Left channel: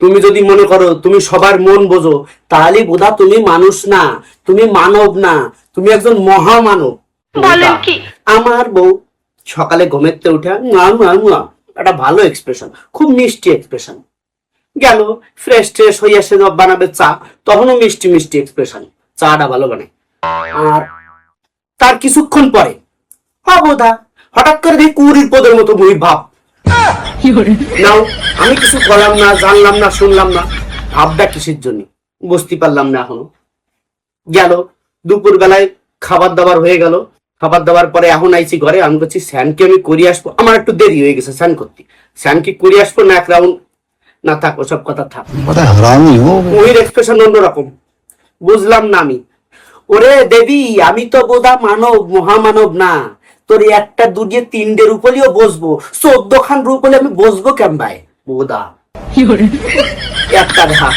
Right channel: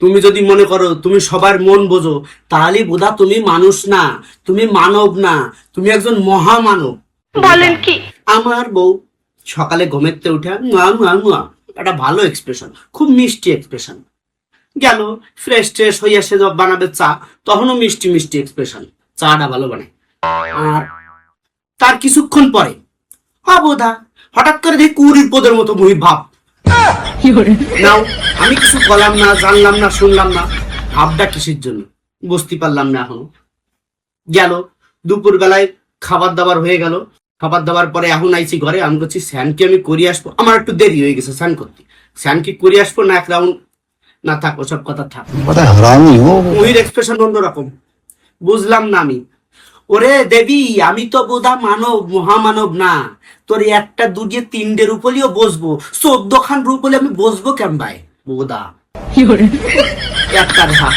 তুমি যদি মনে করো তুমি সবার মন বোঝো, তাহলে বোধা তুমি মানুষ না, তুমি মানব না, তুমি একজন মহামানব। বলেন কি? আমার বউ সকালে ঘুমেতে উঠে একটা ভালো এক্সপ্রেশন, খুব মিষ্টি এক্সপ্রেশন। গেল ফ্রেশ ট্রেশ হইয়া সে বানাবে চা, তখনও মিষ্টি মিষ্টি এক্সপ্রেশন, চাটা ভালো বানায়। আর তার কিছুক্ষণ পরে বোধা হঠাৎ করে দেখি কুড়ির পদের মতো মুহি ভাব। নাও, আমি কিছু বললাম না, জানলাম না, শুনলাম না, ভাবটা কিসের জন্য বুঝতে পারলাম না এখনো। গেল দুপুর বেলায় খাবার দাবার হয়ে গেল, খাবার দাবার পরে এখন আইছি ঘরে, আমি বলছি স্যানকে আমি করে আসবো, আমার একটু দেরি হয়ে গেছে স্যান করতে, স্যানকে করে আসবো না এক রাউন্ড, না থাক ওসব কথা থাক। ওই এক্সপ্রেশন অন্যরকম, বুঝলাম না আমি। ওরে দেবী, আমি তো বোধা মানব, মহামানব না, তোর একটা দুটিয়ে তিনটে রূপলিও বসবো, 14 খান রূপলি আমি বসবো কেন ভাই বোধা একটা ঘা